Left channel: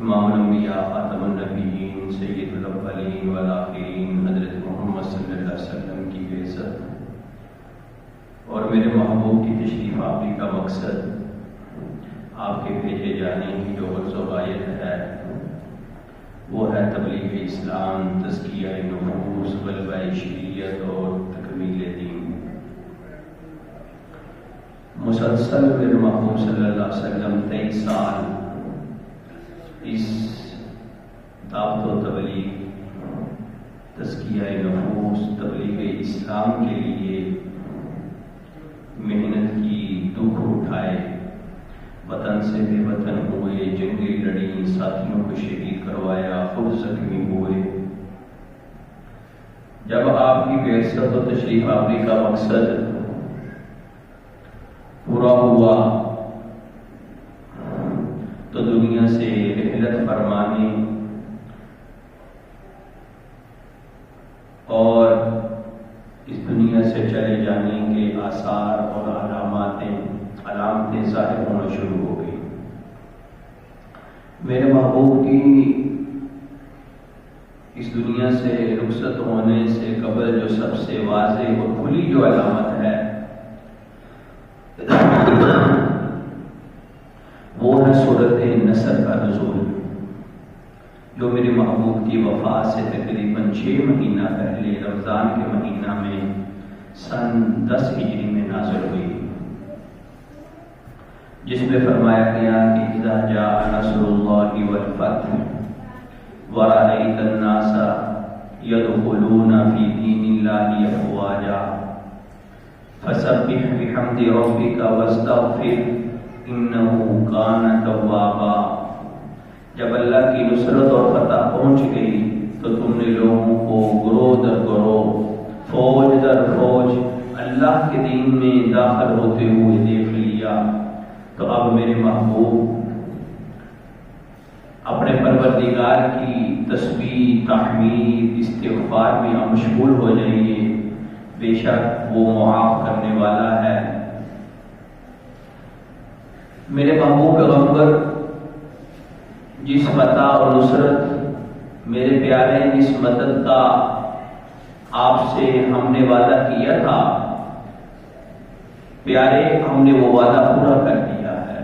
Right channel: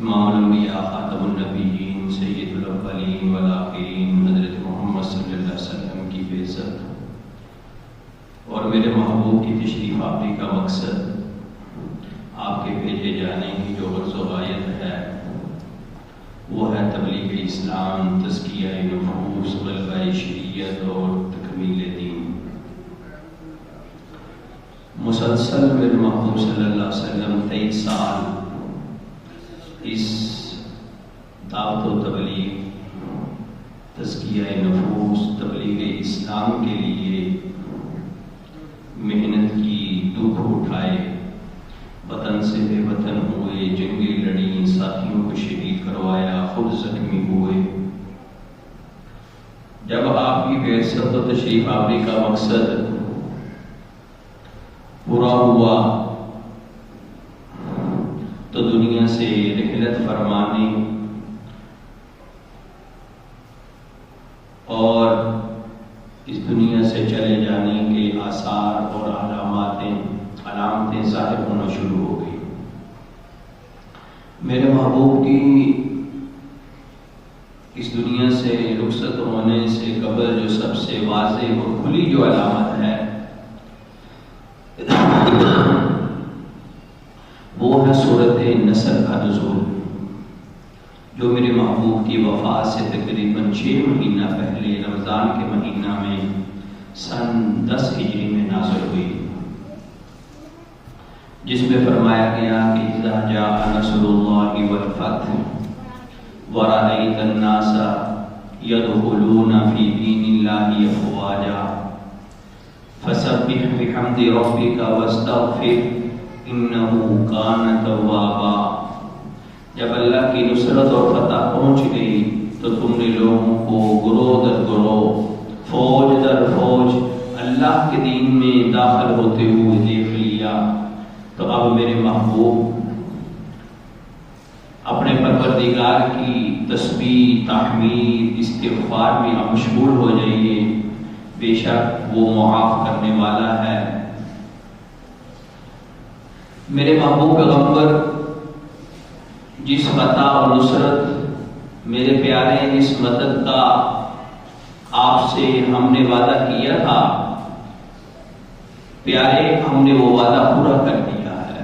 امام الانبیاء خاتم النبیین سید الاولین والآخرین حضرت محمد صلی اللہ علیہ وسلم کی بعثت اور میرے محبوب کی تشریف آوری کا مقصد آپ کے بھیجے جانے کی جو غرض و غایت ہے وہ ہے تبلیغ اسلام، تزکیہ نفوس، غلبہ شریعت اور تکمیل دین۔ مسلسل میرے محبوب صلی اللہ علیہ وسلم 23 سال اس دعوت و تبلیغ، تزکیہ نفوس، تبلیغ اسلام کے لیے محنت کی، دکھ اٹھائے، وطن سے بے وطن ہوئے، جنگیں لڑیں، ساتھیوں کو شہید کروایا، خود زخمی ہوئے۔ جب آپ کی بعثت و تشریف آوری کا مقصد پورا ہوا تو دنیا سے رحلت فرمانے اور اس دنیا سے چلے جانے کے آثار اور علامتیں ظاہر ہونا شروع ہو گئی۔ میرے محبوب کی اس دنیا سے رخصت ہونے سے قبل جو سب سے واضح اور کھلی جو علامت ہے وہ ہے سورۃ نصر کا نزول، جو میرے محبوب کی وفات سے تقریباً 6 مہینہ پہلے رمضان کے مہینہ میں سن 10 ہجری میں نازل ہوئی، جس میں فرمایا گیا کہ اذا جاء نصر اللہ والفتح ورأیت الناس يدخلون فی دین اللہ افواجا فسبح بحمد ربک واستغفر انہ کان توابا۔ جب اللہ کی نصرت اور فتح پہنچ گئی تو تم نے لوگوں کو گروہ در گروہ، فوج در فوج اللہ کے دین میں داخل ہوتے ہوئے دیکھ لیا۔ تو اب میرے محبوب اپنے پروردگار کی تسبیح، تحمید، استغفار میں مشغول ہو جائیے، بے شک وہ معاف کرنے والا ہے۔ میرے محبوب پیغمبر جس فتح اور نصرت، میرے پیارے جس مدد کا آپ سے ہم نے وعدہ کیا تھا، پیارے ہم نے وہ وعدہ پورا کر دیا ہے۔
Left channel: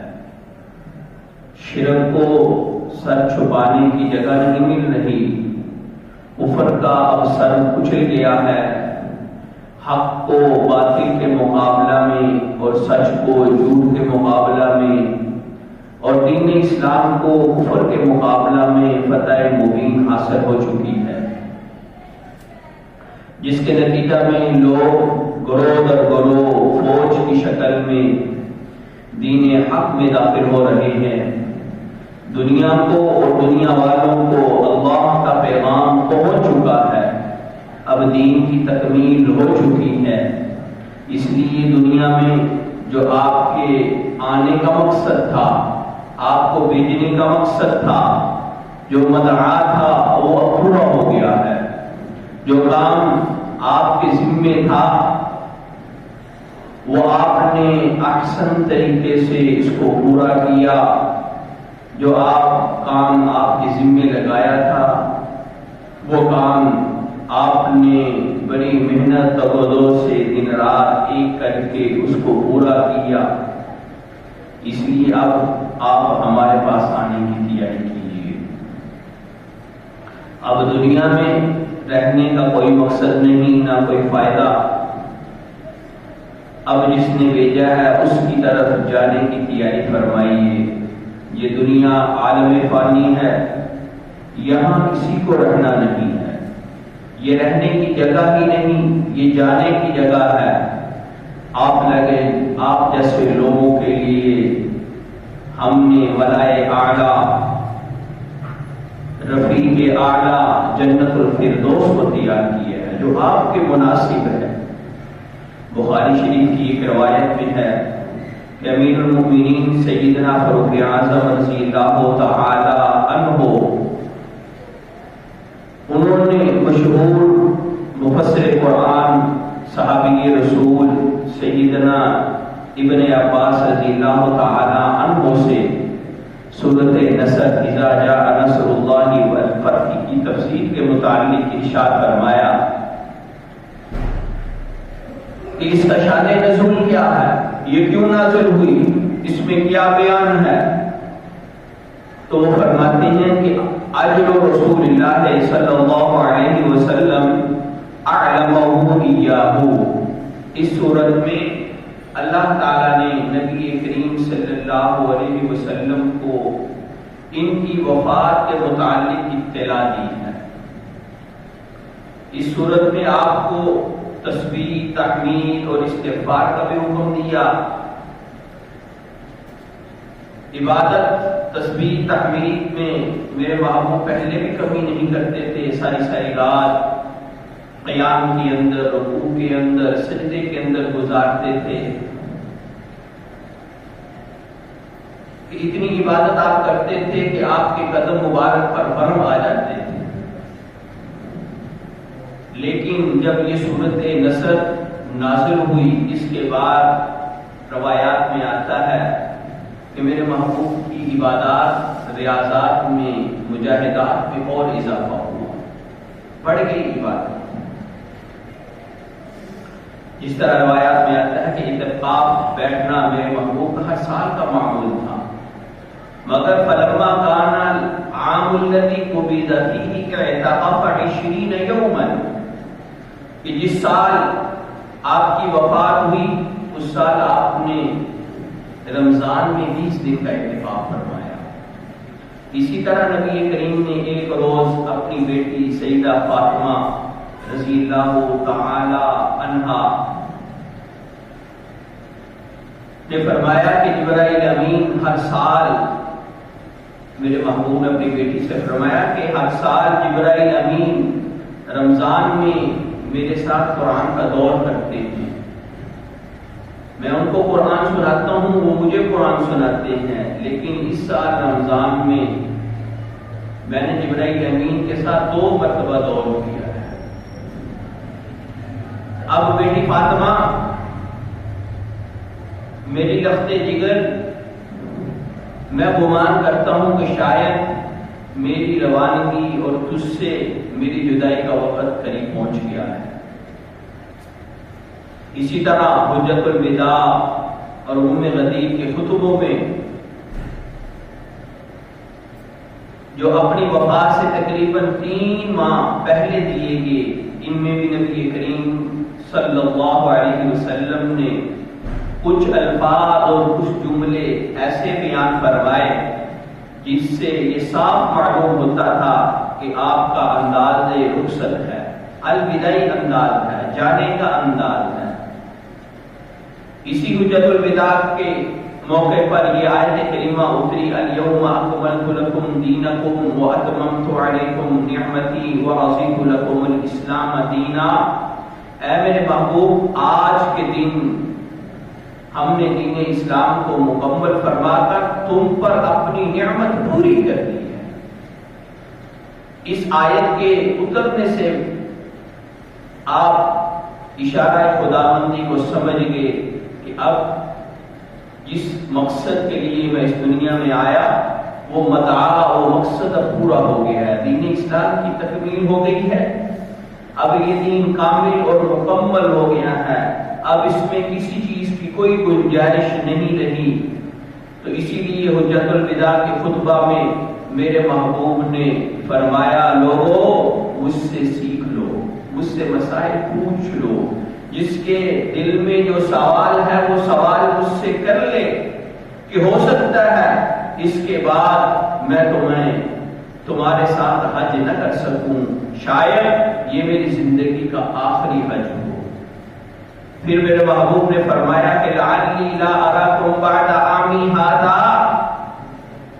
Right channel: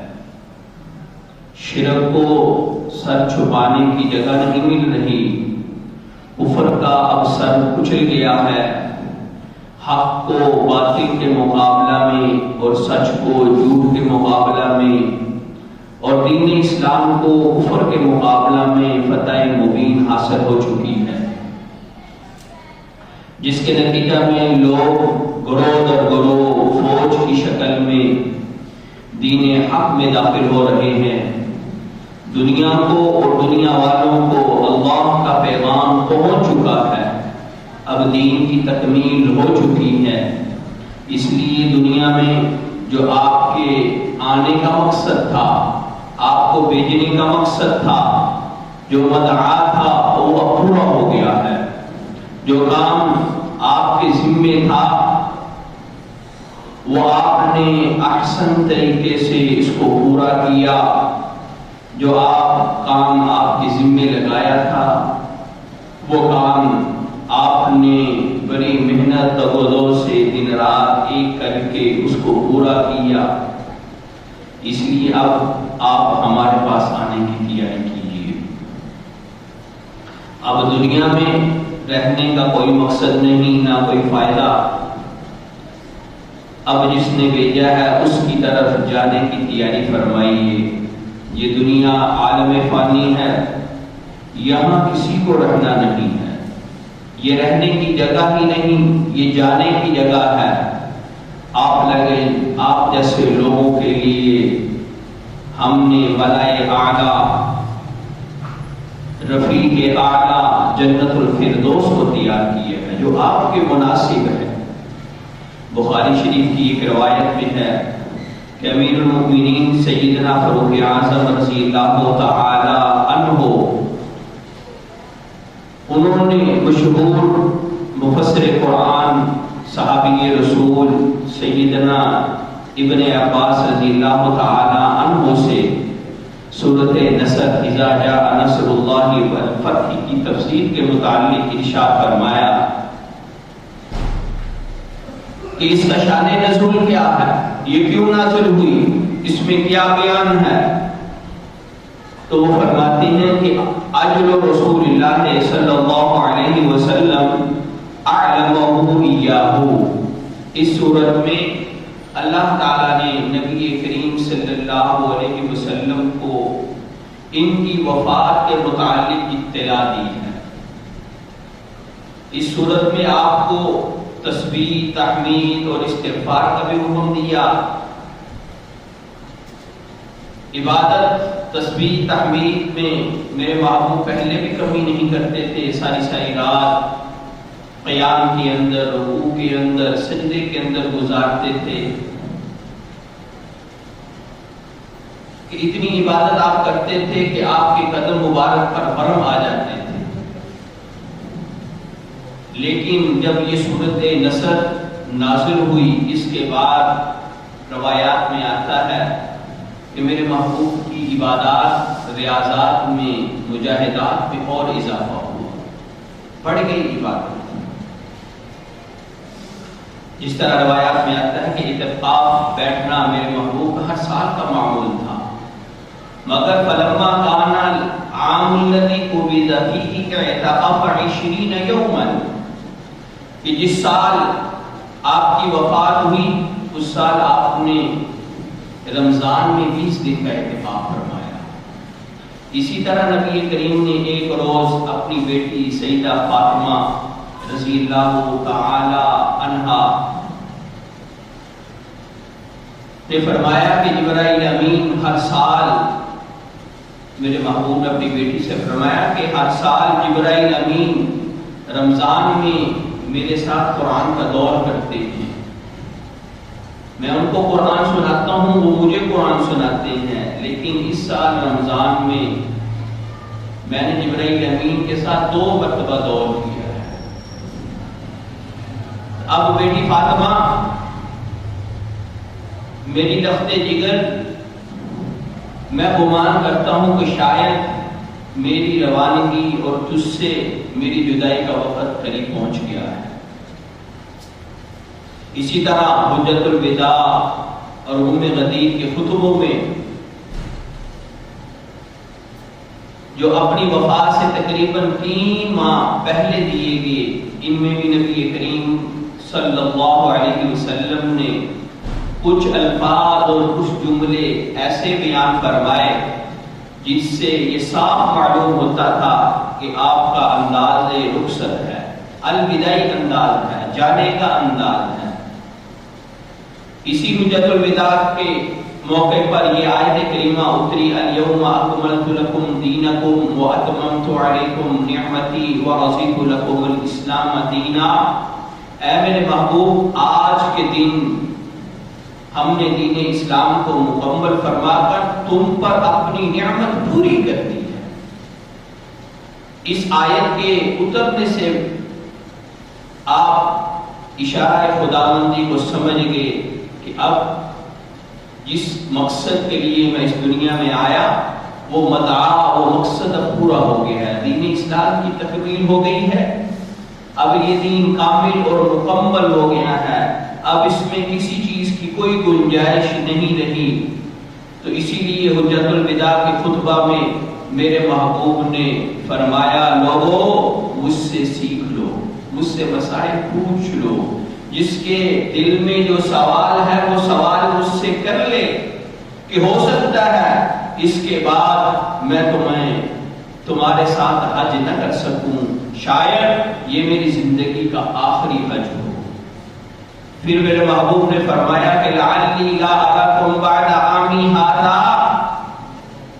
شرک کو سر چھپانے کی جگہ نہیں مل رہی، کفر کا اب سر کچل گیا ہے، حق کو باطل کے مقابلہ میں اور سچ کو جھوٹ کے مقابلہ میں اور دین اسلام کو کفر کے مقابلہ میں فتح مبین حاصل ہو چکی ہے، جس کے نتیجہ میں لوگ گروہ در گروہ فوج کی شکل میں دین حق میں داخل ہو رہے ہیں۔ دنیا کو اور دنیا والوں کو اللہ کا پیغام پہنچ چکا ہے، اب دین کی تکمیل ہو چکی ہے۔ اس لیے دنیا میں جو آپ کے آنے کا مقصد تھا، آپ کو بھیجنے کا مقصد تھا، جو مدعا تھا وہ اب پورا ہو گیا ہے۔ جو کام آپ کے ذمے تھا وہ آپ نے احسن طریقے سے اس کو پورا کیا۔ جو کام آپ کے ذمے لگایا تھا وہ کام آپ نے بڑی محنت تبدو سے دن رات ایک کر کے اس کو پورا کیا۔ اس لیے اب آپ ہمارے پاس آنے کی تیاری کیجیے۔ اب دنیا میں رہنے کا کوئی مقصد نہیں، نہ کوئی فائدہ۔ اب جس نے بھیجا ہے اس کی طرف جانے کی تیاری فرمائیے۔ یہ دنیا عالم فانی ہے، یہاں کسی کو رہنا نہیں ہے، یہ رہنے کی جگہ ہی نہیں، یہ جانے کی جگہ ہے۔ آپ جیسے لوگوں کے لیے ہم نے ملائے اعلیٰ، رفیق اعلیٰ جنت الفردوس کو تیار کیا ہے، جو آپ کے مناسب ہے۔ بخاری شریف کی ایک روایت میں ہے کہ امیر المؤمنین سیدنا فاروق اعظم رضی اللہ تعالی عنہ، انہوں نے مشہور مفسر قرآن صحابی رسول سیدنا ابن عباس رضی اللہ تعالی عنہ سے سورۃ نصر اذا جاء مسجد کے متعلق ارشاد فرمایا کہ اس کا شان نزول کیا ہے، یہ کیوں نازل ہوئی، اس میں کیا بیان ہے؟ تو وہ فرماتے ہیں کہ اجل رسول اللہ صلی اللہ علیہ وسلم اعلمہ ایاہ، اس صورت میں اللہ تعالیٰ نے نبی کریم صلی اللہ علیہ وسلم کو ان کی وفات کے متعلق اطلاع دی ہے۔ اس صورت میں آپ کو تسبیح، تحمید اور استغفار کا بھی حکم دیا۔ عبادت، تسبیح، تحمید میں میرے محبوب پہلے بھی کمی نہیں کرتے تھے، ساری رات قیام کے اندر، رکوع کے اندر، سجدے کے اندر گزارتے تھے کہ اتنی عبادت آپ کرتے تھے کہ آپ کے قدم مبارک پر برم آ جاتے تھے۔ لیکن جب یہ صورت نصر نازل ہوئی، اس کے بعد روایات میں آتا ہے کہ میرے محبوب کی عبادات، ریاضات میں، مجاہدات میں اور اضافہ ہوا، بڑھ گئی عبادت۔ جس طرح روایات میں آتا ہے کہ اعتکاف بیٹھنا میرے محبوب کا ہر سال کا معمول تھا، مگر فلما کان العام الذی قبض فیہ اعتکاف 20 یوما، کہ جس سال آپ کی وفات ہوئی اس سال آپ نے رمضان میں 20 دن کا اعتکاف فرمایا۔ اسی طرح نبی کریم نے ایک روز اپنی بیٹی سیدہ فاطمہ رضی اللہ تعالی عنہا نے فرمایا کہ جبرائیل امین ہر سال، میرے محبوب نے اپنی بیٹی سے فرمایا کہ ہر سال جبرائیل امین رمضان میں میرے ساتھ قرآن کا دور کرتے ہیں، میں ان کو قرآن سناتا ہوں، وہ مجھے قرآن سناتے ہیں، لیکن اس سال رمضان میں نے جبرائیل امین کے ساتھ 2 مرتبہ دور کیا ہے۔ اب بیٹی فاطمہ میری لفظ جگر، میں گمان کرتا ہوں کہ شاید میری روانگی اور تجھ سے میری جدائی کا وقت قریب پہنچ گیا ہے۔ اسی طرح حجت الوداع اور غدیر کے خطبوں میں جو اپنی وفات سے تقریباً 3 ماہ پہلے دیے گئے، ان میں بھی نبی کریم صلی اللہ علیہ وسلم نے کچھ الفاظ اور کچھ جملے ایسے بیان فرمائے جس سے یہ صاف معلوم ہوتا تھا کہ آپ کا انداز رخصت ہے، الوداعی انداز ہے، جانے کا انداز ہے۔ اسی حجت الوداع کے موقع پر یہ آیت کریمہ اتری، الیوم اکملت لکم دینکم واتممت علیکم نعمتی ورضیت لکم الاسلام دینا۔ اے میرے محبوب، آج کے دن ہم نے دین اسلام کو مکمل فرما کر تم پر اپنی نعمت پوری کر دی ہے۔ اس آیت کے اترنے سے آپ اشارہ خداوندی کو سمجھ گئے کہ اب جس مقصد کے لیے میں اس دنیا میں آیا وہ مدعا، وہ مقصد اب پورا ہو گیا ہے، دین اسلام کی تکمیل ہو گئی ہے، اب یہ دین کامل اور مکمل ہو گیا ہے، اب اس میں کسی چیز کی کوئی گنجائش نہیں رہی۔ تو اسی لیے حجت الوداع کے خطبہ میں میرے محبوب نے فرمایا، لوگو مجھ سے سیکھ لو، مجھ سے مسائل پوچھ لو، جس کے دل میں جو سوال ہے وہ سوال مجھ سے کر لے، کہ ہو سکتا ہے اس کے بعد میں تمہارے ساتھ حج نہ کر سکوں، شاید یہ میری زندگی کا آخری حج ہو۔ پھر میرے محبوب نے فرمایا کہ لعلی لا اراکم بعد عامی ھذا،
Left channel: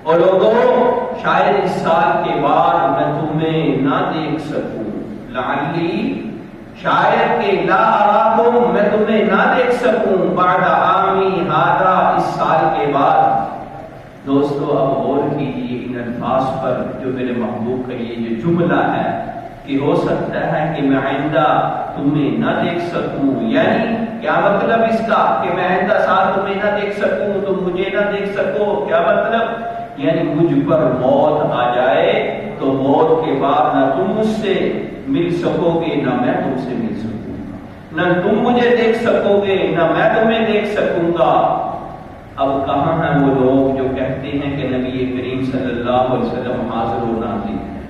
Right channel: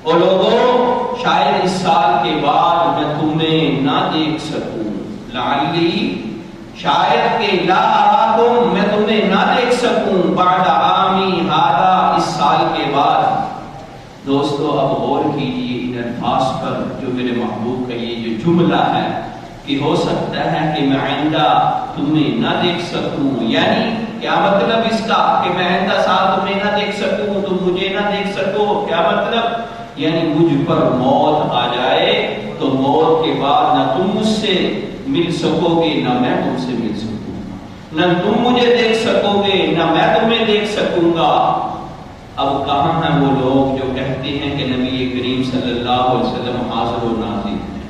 اور لوگوں شاید اس سال کے بعد میں تمہیں نہ دیکھ سکوں، لعلی شاید کہ لا اراکم میں تمہیں نہ دیکھ سکوں بعد عامی ھذا اس سال کے بعد۔ دوستو اب غور کیجیے ان الفاظ پر جو میرے محبوب کا یہ جو جملہ ہے کہ ہو سکتا ہے کہ میں آئندہ تمہیں نہ دیکھ سکوں، یعنی کیا مطلب اس کا کہ میں آئندہ سال تمہیں نہ دیکھ سکوں، تم مجھے نہ دیکھ سکو، کیا مطلب؟ یعنی مجھ پر موت آ جائے تو موت کے بعد نہ تم مجھ سے مل سکو گے نہ میں تم سے مل سکوں گا، نہ تم مجھے دیکھ سکو گے نہ میں تمہیں دیکھ سکوں گا۔ اب کہاں ہیں وہ لوگ جو کہتے ہیں کہ نبی کریم صلی اللہ علیہ وسلم حاضر و ناظر ہیں؟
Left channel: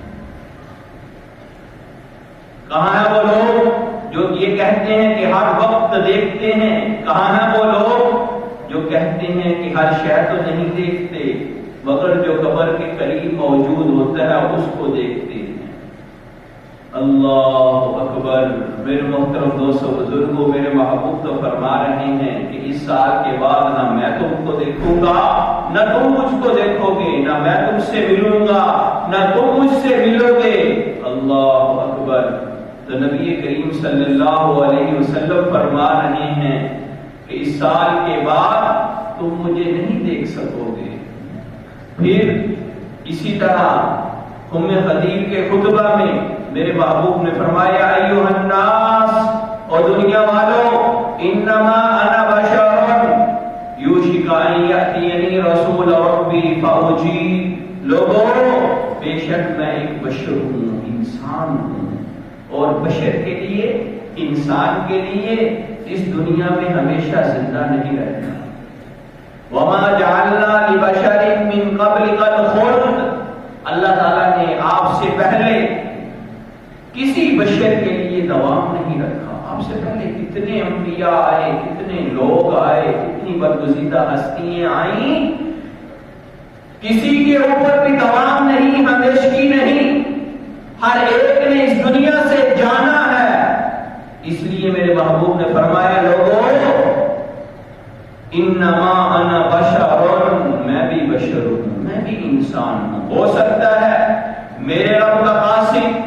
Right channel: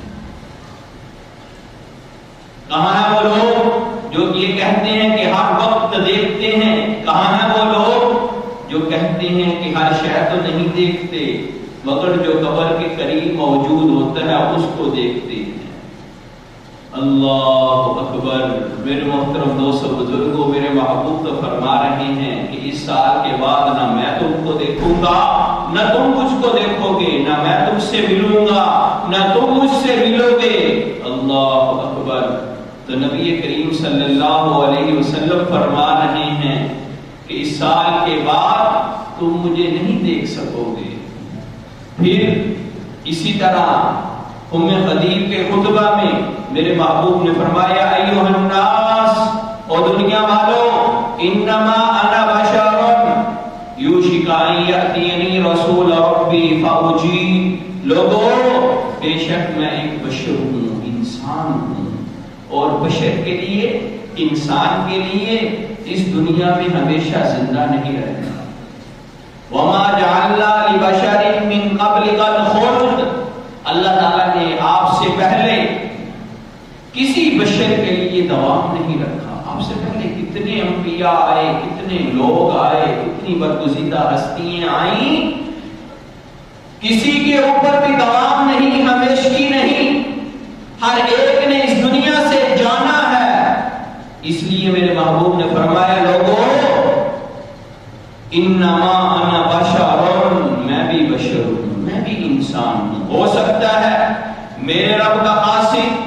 کہاں ہیں وہ لوگ جو یہ کہتے ہیں کہ ہر وقت دیکھتے ہیں؟ کہاں ہیں وہ لوگ جو کہتے ہیں کہ ہر شے تو نہیں دیکھتے مگر جو قبر کے قریب موجود ہوتا ہے اس کو دیکھتے ہیں؟ اللہ اکبر۔ میرے محترم دوستو بزرگوں، میرے محبوب تو فرما رہے ہیں کہ اس سال کے بعد نہ میں تم کو دیکھوں گا نہ تم مجھ کو دیکھو گے، نہ میں تم سے ملوں گا نہ تم مجھ سے ملو گے۔ اللہ اکبر۔ تو نبی کریم صلی اللہ علیہ وسلم فرما رہے ہیں کہ اس سال کے بعد تم مجھے نہیں دیکھ سکو گے۔ پھر اسی طرح ام خدیج کے خطبہ میں میرے محبوب نے فرمایا ایھا الناس، اور دنیا والو، انما انا بشر یوشک ان یاتینی رسول ربی فاجیب، لوگوں بے شک میں ایک بشر ہوں، انسان ہوں، اور بشر کے لیے، انسان کے لیے اس دنیا میں ہمیشہ زندہ نہیں رہنا۔ وما جعلنا لبشر من قبلک الخلد، اللہ تعالیٰ نے آپ سے پہلے کسی بشر کے لیے دوام نہیں رکھا۔ آپ سے پہلے کتنے انبیاء آئے، کتنے لوگ آئے، کتنی برگزیدہ ہستیاں آئیں، کسی کے اوپر بھی دوام نہیں، ہمیشگی نہیں، ہر ایک نے اس دنیا سے جانا ہے۔ اس لیے میرے محبوب نے فرمایا لوگوں انما انا بشر، میں بھی بشر ہوں، میں بھی انسان ہوں۔ ہو سکتا ہے میرے رب کا قاصد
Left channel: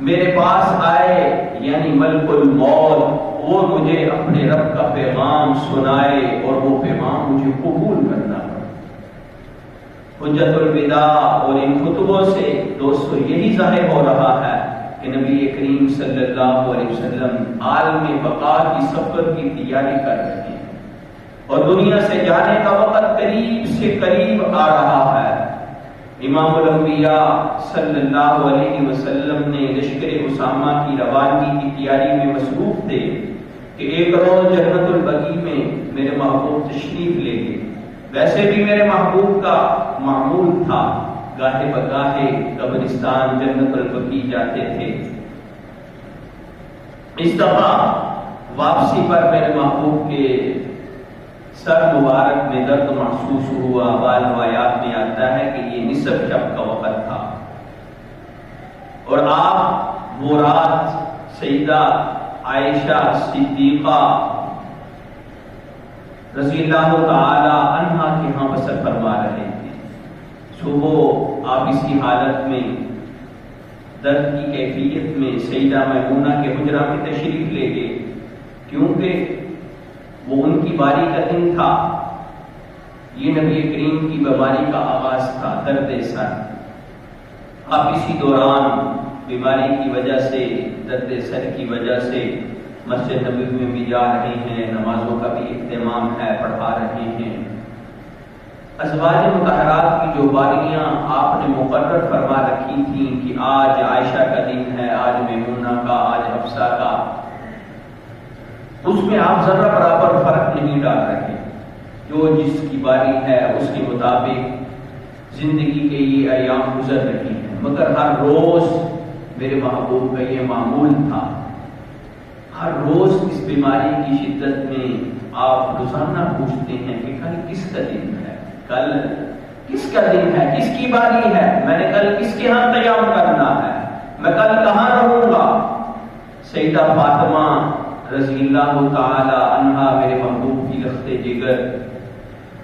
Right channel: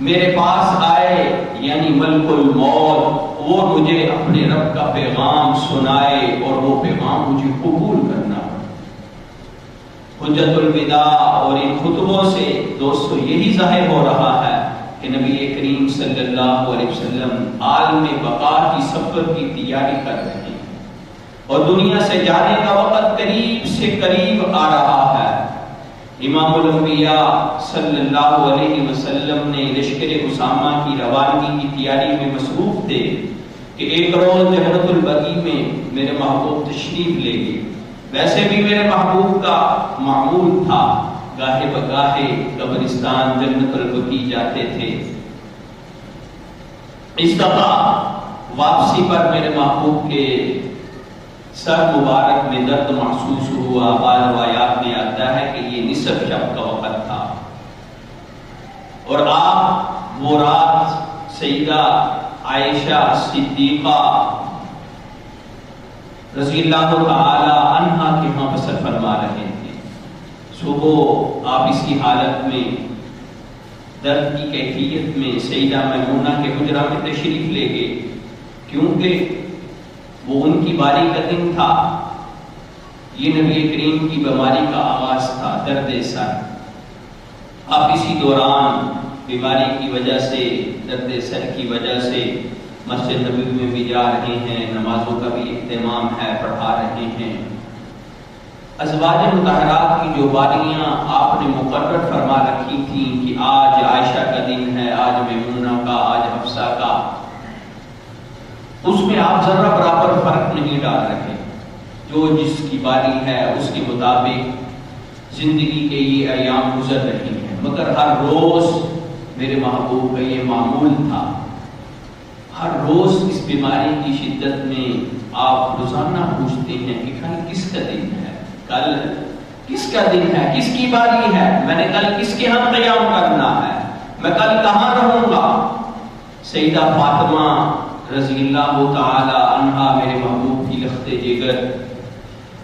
میرے پاس آئے، یعنی ملک الموت، وہ مجھے اپنے رب کا پیغام سنائے اور وہ پیغام مجھے قبول کرنا۔ حجت الوداع اور ان خطبوں سے دوستو یہی ظاہر ہو رہا ہے کہ نبی کریم صلی اللہ علیہ وسلم عالم بقا کی سفر کی تیاری کر رہے ہیں اور دنیا سے جانے کا وقت قریب سے قریب آ رہا ہے۔ امام الانبیاء صلی اللہ علیہ وسلم نے لشکر اسامہ کی روانگی کی تیاری میں مصروف تھے کہ ایک روز جنت البقیع میں میرے محبوب تشریف لے گئے۔ ویسے بھی میرے محبوب کا معمول تھا گاہے بگاہے قبرستان جنت البقیع جاتے تھے۔ اس دفعہ واپسی پر میرے محبوب کے سر مبارک میں درد محسوس ہوا۔ بعض روایات میں آتا ہے کہ یہ نصف شب کا وقت تھا اور آپ وہ رات سیدہ عائشہ صدیقہ رضی اللہ تعالی عنہا کے ہاں بسر فرما رہے تھے۔ صبح آپ اس کی حالت میں درد کی کیفیت میں سیدہ میمونہ کے حجرہ میں تشریف لے گئے، کیونکہ وہ ان کی باری کا دن تھا۔ یہ نبی کریم کی بیماری کا آغاز تھا، درد سر۔ اب اسی دوران بیماری کی وجہ سے، درد سر کی وجہ سے مسجد نبوی میں بھی جا رہے ہیں، نمازوں کا بھی اہتمام ہے، پڑھا رہے ہیں۔ ازواج مطہرات کی جو باریاں آپ نے مقرر فرما رکھی تھیں کہ آج عائشہ کا دن ہے، آج میمونہ کا، آج حفصہ کا، اس میں آپ ذرا برابر فرق نہیں ڈال رہے۔ جو جس کی باری ہے اس کے مطابق زندگی کے یہ ایام گزر رہی ہیں، مگر ہر روز میرے محبوب کا یہ معمول تھا۔ ہر روز اس بیماری کی شدت میں آپ روزانہ پوچھتے ہیں کہ کل کس کا دن ہے، کل کس کا دن ہے، کس کی باری ہے، میں نے کل کس کے ہاں قیام کرنا ہے، میں کل کہاں رہوں گا۔ سیدہ فاطمہ رضی اللہ تعالی عنہا میرے محبوب کی لخت جگر،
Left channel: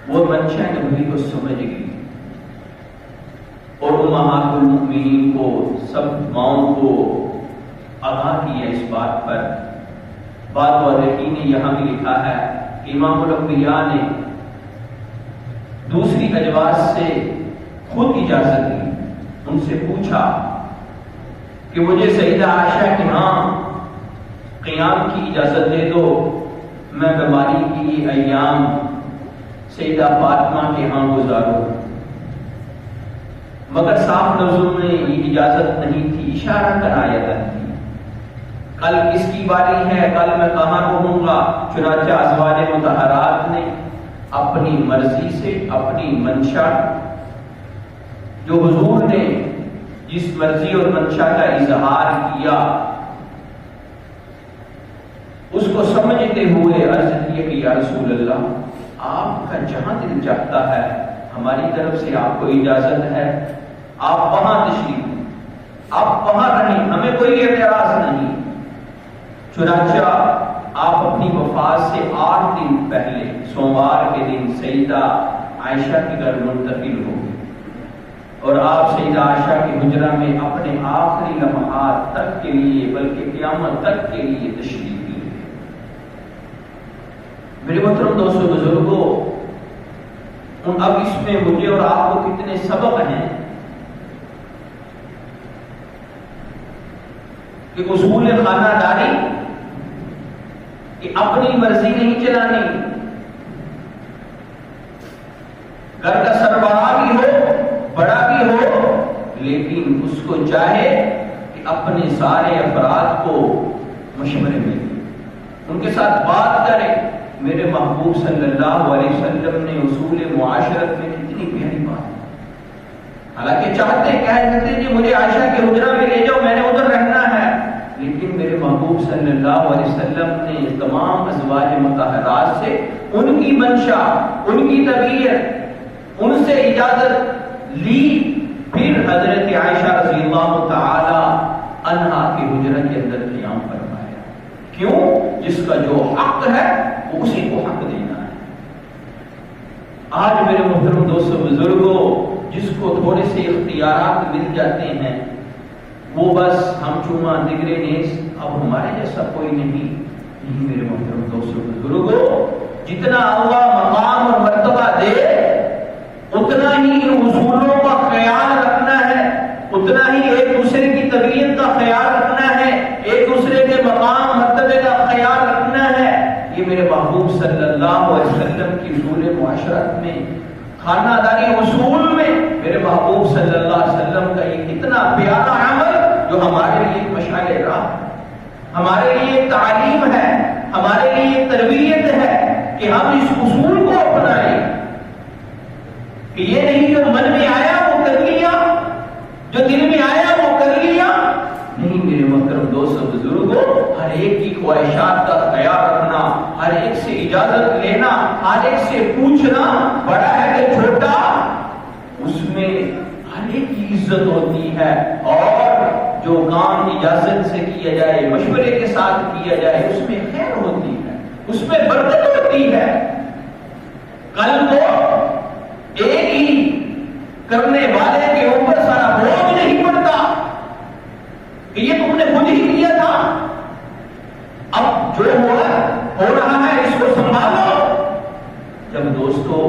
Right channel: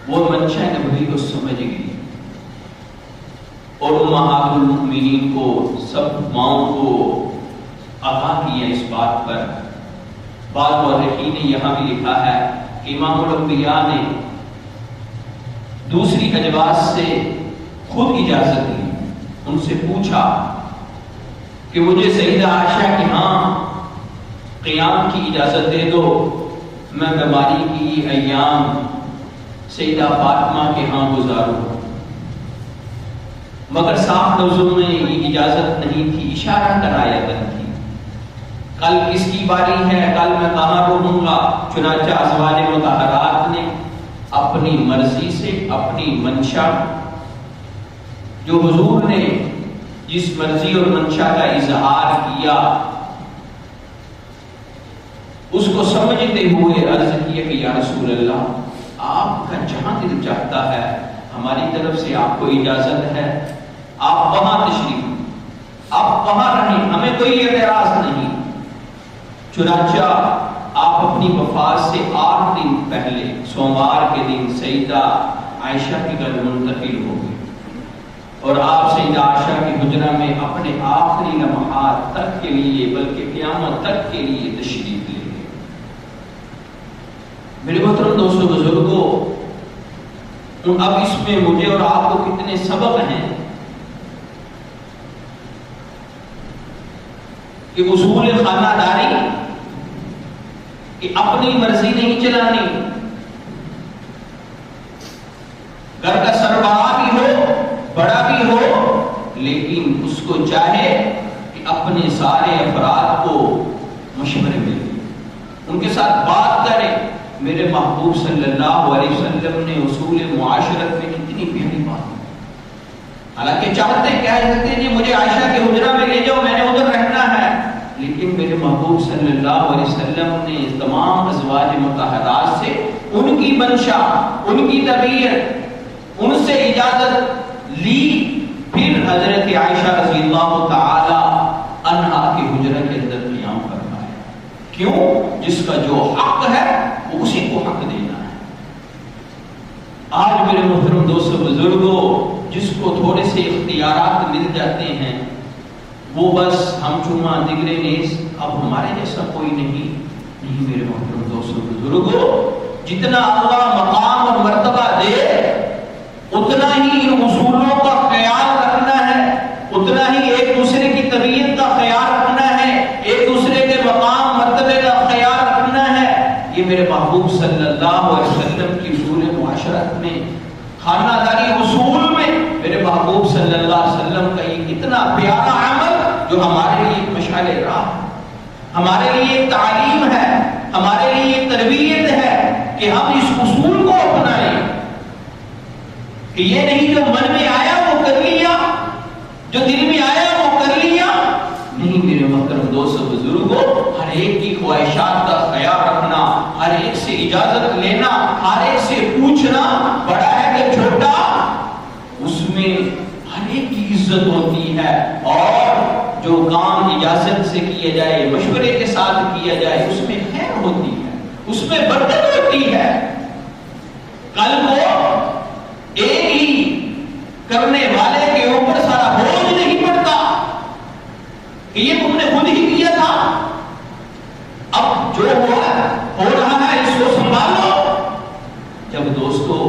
وہ منشا نبوی کو سمجھ گئی اور امہات المؤمنین کو، سب ماؤں کو آگاہ کیا اس بات پر۔ بعض مورخین نے یہاں بھی لکھا ہے کہ امام الانبیاء نے دوسری ازواج سے خود اجازت لی، ان سے پوچھا کہ مجھے سیدہ عائشہ کے ہاں قیام کی اجازت دے دو، میں بیماری کی ایام سیدہ فاطمہ کے ہاں گزاروں، مگر صاف لفظوں میں یہ اجازت نہیں تھی، اشارہ کنایتن تھی۔ کل کس کی باری ہے، کل میں کہاں رہوں گا، چنانچہ ازواج مطہرات نے اپنی مرضی سے، اپنی منشا، جو حضور نے جس مرضی اور منشا کا اظہار کیا اس کو سمجھتے ہوئے عرض کیا کہ یا رسول اللہ، آپ کا جہاں دل چاہتا ہے ہماری طرف سے آپ کو اجازت ہے، آپ وہاں تشریف، آپ وہاں رہیں، ہمیں کوئی اعتراض نہیں۔ چنانچہ آپ اپنی وفات سے 8 دن پہلے سوموار کے دن سیدہ عائشہ کے گھر منتقل ہو گئی اور آپ سیدہ عائشہ کے حجرہ میں اپنے آخری لمحات تک کے لیے، بلکہ قیامت تک کے لیے تشریف لے گئے۔ میرے محترم دوستو بزرگوں، اب اس میں مجھے اور آپ کو کتنے سبق ہیں کہ اصول خانہ داری کہ اپنی مرضی نہیں چلانی، گھر کا سربراہ بھی ہو، بڑا بھی ہو، لیکن اس کو چاہے کہ اپنے سارے افراد کو مشورے میں ان کے ساتھ بات کرے۔ میرے محبوب صلی اللہ علیہ وسلم نے اصول معاشرت میں کتنی پیاری بات، حالانکہ چاہتے کہہ سکتے جی مجھے عائشہ کے حجرہ میں لے جاؤ، میں نے ادھر رہنا ہے، لیکن میرے محبوب صلی اللہ علیہ وسلم نے تمام ازواج مطہرات سے ان کی منشا، ان کی طبیعت، ان سے اجازت لی، پھر حضرت عائشہ رضی اللہ تعالی عنہا کے حجرہ کے اندر قیام فرمایا۔ کیوں؟ جس کا جو حق ہے وہ اسی کو حق دینا ہے۔ آج میرے محترم دوستو بزرگوں، جس کو تھوڑے سے اختیارات مل جاتے ہیں وہ بس ہم چما دگرے نیز، اب ہمارے جیسا کوئی نہیں۔ میرے محترم دوستو بزرگوں، جتنا اللہ مقام اور مرتبہ دے اتنا ہی ان اصولوں کا خیال رکھنا ہے، اتنا ہی ایک دوسرے کی طبیعت کا خیال رکھنا ہے، ایک دوسرے کے مقام مرتبے کا خیال رکھنا ہے۔ یہ میرے محبوب صلی اللہ علیہ وسلم کی اصول معاشرت میں، خانہ داری اصول میں، میرے محبوب صلی اللہ علیہ وسلم کا یہ اتنا پیارا عمل جو ہمارے لیے ایک مشعل راہ ہے، ہمارے لیے ایک تعلیم ہے، ہمارے لیے ایک تربیت ہے کہ ہم اس اصول کو اپنائیں، کہ یہ نہیں جو من میں آیا وہ کر لیا، جو دل میں آیا وہ کر لیا، نہیں میرے محترم دوستو بزرگوں، ہر ایک کی خواہشات کا خیال رکھنا، ہر ایک سے اجازت لینا، ہر ایک سے پوچھنا، بڑا ہے کہ چھوٹا، اس میں ہر ایک کی عزت ہوتی ہے، اور جو کام اجازت سے کیا جائے، مشورے کے ساتھ کیا جائے، اس میں خیر ہوتی ہے، اس میں برکت ہوتی ہے۔ کل کو ایک ہی کرنے والے کے اوپر سارا بوجھ نہیں پڑتا کہ یہ تم نے خود ہی کیا تھا، اب جو ہو رہا ہے اس کو سنبھالو۔ جب دوستو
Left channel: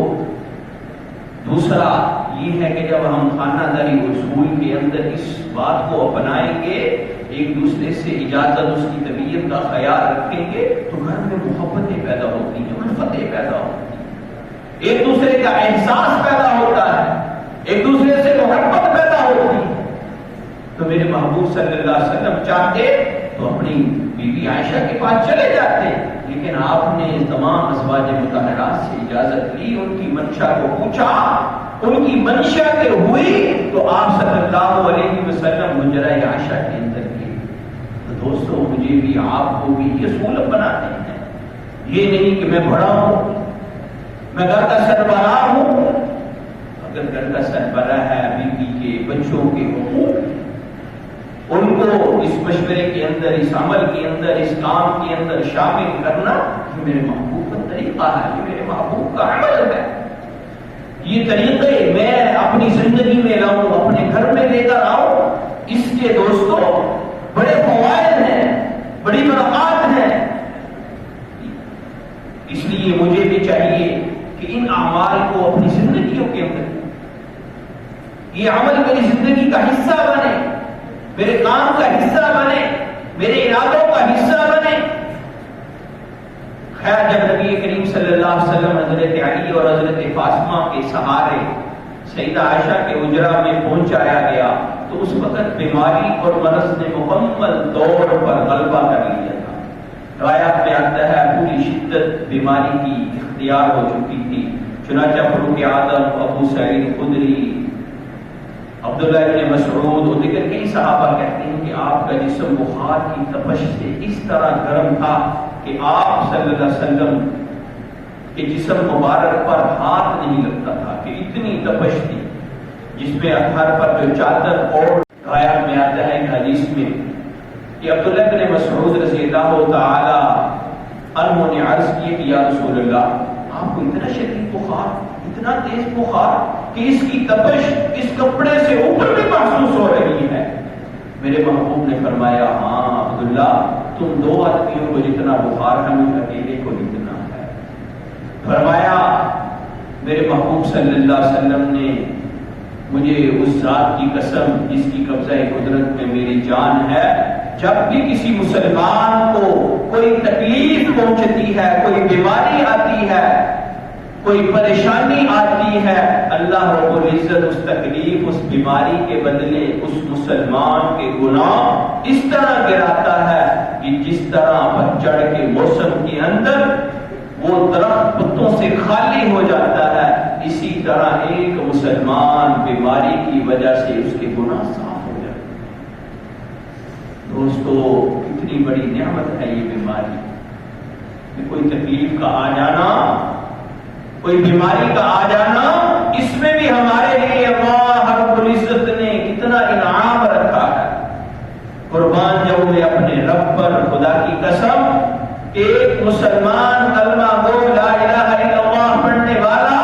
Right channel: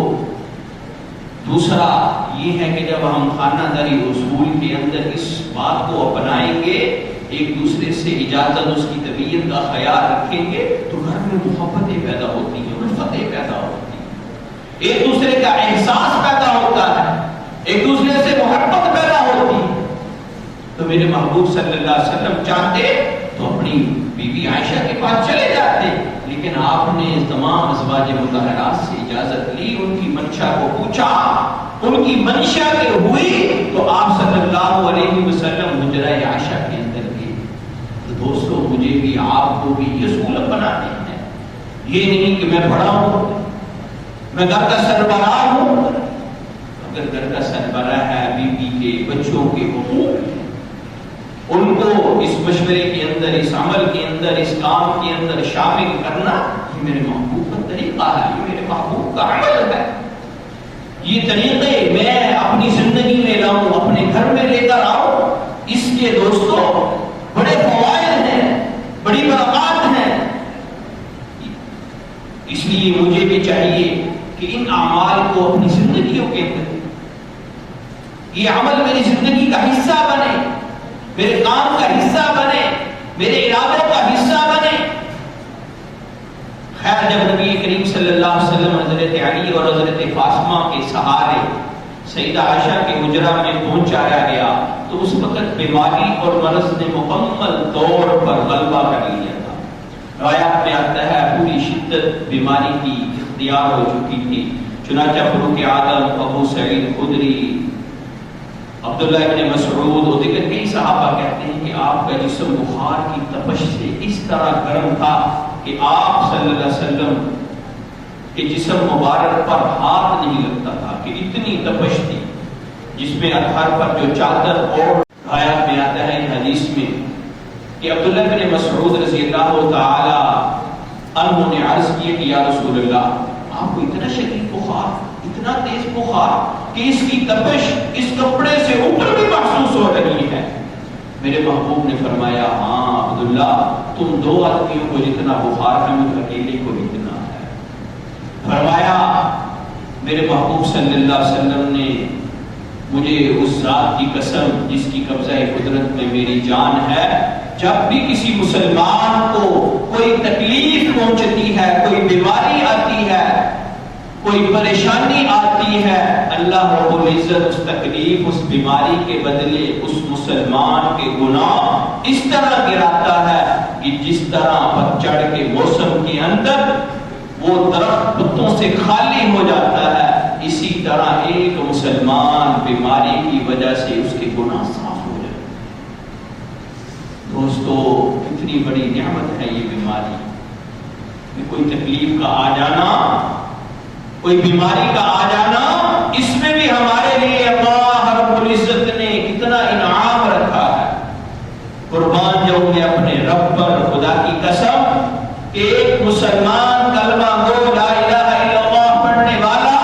دوسرا یہ ہے کہ جب ہم خانہ داری اصول کے اندر اس بات کو اپنائیں گے، ایک دوسرے سے اجازت، اس کی طبیعت کا خیال رکھیں گے، تو گھر میں محبتیں پیدا ہوتی ہیں، الفتیں پیدا ہوتی ہیں، ایک دوسرے کا احساس پیدا ہوتا ہے، ایک دوسرے سے محبت پیدا ہوتی ہے۔ تو میرے محبوب صلی اللہ علیہ وسلم چاہتے تو اپنی بی بی عائشہ کے پاس چلے جاتے، لیکن آپ نے تمام ازواج مطہرات سے اجازت لی، ان کی منشا کو پوچھا، ان کی منشا کے ہوئی تو آپ صلی اللہ علیہ وسلم حجرہ عائشہ کے اندر گئے۔ تو دوستو مجھے بھی آپ کو بھی یہ اصول اپنانے ہیں، یہ نہیں کہ میں بڑا ہوں، میں گھر کا سربراہ ہوں، اگر گھر کا سربراہ ہے، بیوی کے بچوں کے حقوق، ان کو اس مشورے کے اندر، اس عمل کے اندر، اس کام کے اندر شامل کرنا، یہ میرے محبوب کا طریقہ ہے، یہ میرے محبوب کا عمل ہے۔ یہ طریقے میں اپنی زندگی میں لاؤں، اپنے گھر میں لے کر آؤں، اس کے دوستوں بڑے فوائد ہیں، بڑی برکات ہیں۔ اس لیے مجھے بھی چاہیے کہ ان اعمال کو اپنی زندگیوں کے اندر، یہ عمل میری زندگی کا حصہ بنے، میرے کام کا حصہ بنے، میرے ارادوں کا حصہ بنے۔ خیر، جب نبی کریم صلی اللہ علیہ وسلم حضرت علی اور حضرت فاطمہ کے سہارے سیدہ عائشہ کے حجرہ میں پہنچایا گیا تو اس وقت بیماری اور مرض نے مکمل طور پر غلبہ کر لیا تھا. روایات میں آتا ہے پوری شدت بیماری کی اختیار ہو چکی تھی. چنانچہ فاروق اعظم، ابو سعید خدری، عبداللہ ابن مسعود اور دیگر کئی صحابہ کہتے ہیں کہ آپ کا جسم بخار کی تپش سے اس طرح گرم تھا کہ آپ صلی اللہ علیہ وسلم کے جسم مبارک پر ہاتھ نہیں لگتا تھا، کہ اتنی تپش تھی. جس میں اطہار پر جو چادر اور روایات میں آتا ہے ان حدیث میں کہ عبداللہ بن مسعود رضی اللہ تعالی عنہ نے عرض کیا کہ یا رسول اللہ، آپ کو اتنا شدید بخار، اتنا تیز بخار کہ اس کی تپش اس کپڑے سے اوپر بھی محسوس ہو رہی ہے. میرے محبوب نے فرمایا ہاں عبداللہ، تم دو آدمیوں کو جتنا بخار ہے مجھ اکیلے کو اتنا ہے. فرمایا میرے محبوب صلی اللہ علیہ وسلم نے مجھے اس ذات کی قسم جس کی قبضہ قدرت میں میری جان ہے، جب بھی کسی مسلمان کو کوئی تکلیف پہنچتی ہے، کوئی بیماری آتی ہے، کوئی پریشانی آتی ہے، اللہ رب العزت اس تکلیف، اس بیماری کے بدلے اس مسلمان کے گناہ اس طرح گراتا ہے کہ جس طرح پتجھڑ کے موسم کے اندر وہ درخت پتوں سے خالی ہو جاتا ہے، اسی طرح ایک مسلمان بیماری کی وجہ سے اس کے گناہ صاف ہو جائے. دوستو کتنی بڑی نعمت ہے یہ بیماری. کوئی تکلیف کا آ جانا، کوئی بیماری کا آ جانا، اس میں بھی ہمارے لیے اللہ رب العزت نے کتنا انعام رکھا ہے. قربان جاؤں میں اپنے رب پر، خدا کی قسم کہ ایک مسلمان کلمہ گو لا الہ الا اللہ پڑھنے والا،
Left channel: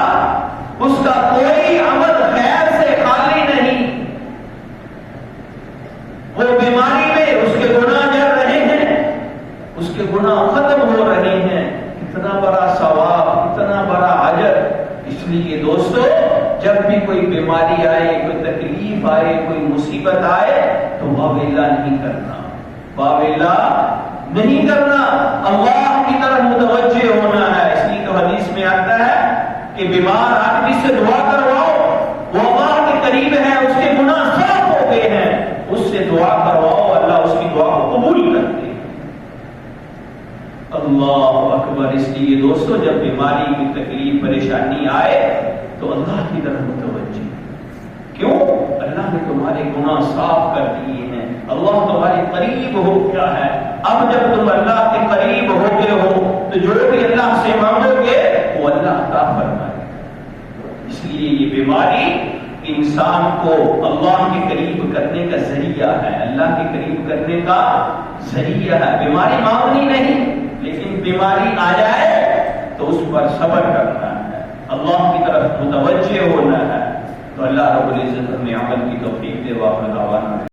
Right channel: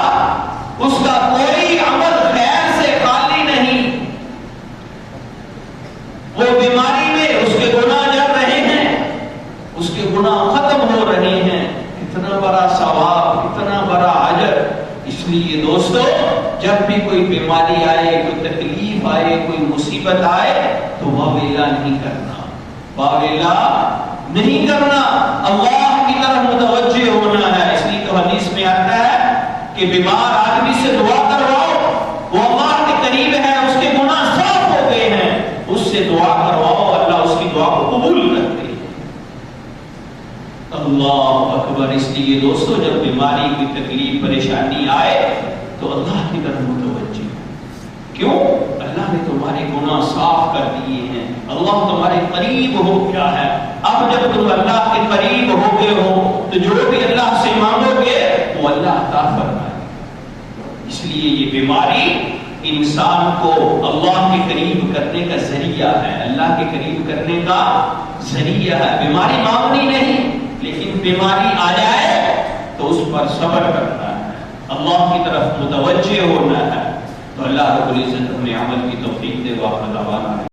اس کا کوئی عمل خیر سے خالی نہیں. وہ بیماری میں اس کے گناہ جل رہے ہیں، اس کے گناہ ختم ہو رہے ہیں. اتنا بڑا ثواب، اتنا بڑا اجر. اس لیے دوستو جب بھی کوئی بیماری آئے، کوئی تکلیف آئے، کوئی مصیبت آئے تو واویلا نہیں کرنا، واویلا نہیں کرنا، اللہ کی طرف متوجہ ہونا ہے. اس لیے تو حدیث میں آتا ہے کہ بیمار آدمی سے دعا کرواؤ، وہ اللہ کے قریب ہے، اس کے گناہ صاف ہو گئے ہیں، اس سے دعا کرواؤ، اللہ اس کی دعا کو قبول کرتے ہیں. اللہ اکبر. اس لیے دوستو جب بیماری کی تکلیف پریشانی آئے تو اللہ کی طرف متوجہ. کیوں؟ اللہ نے تمہارے گناہ صاف کر دیے ہیں، اللہ تمہارے قریب ہو گیا ہے. اب جب تم اللہ کے قریب ہو گئے ہو تو جو بھی اللہ سے مانگو گے وہ اللہ عطا فرمائے. اس لیے یہ بیماری انسان کو اللہ کے قریب کرنے کا ذریعہ ہے، اللہ کے قریب کرنے کا ذریعہ ہے. بیماری معمولی نہیں، لیکن بیماری آ جائے تو اس پر صبر کرنا ہے، اللہ کی طرف متوجہ ہونا ہے. تو اللہ رب العزت ہمیں عمل کی توفیق دے. واقعہ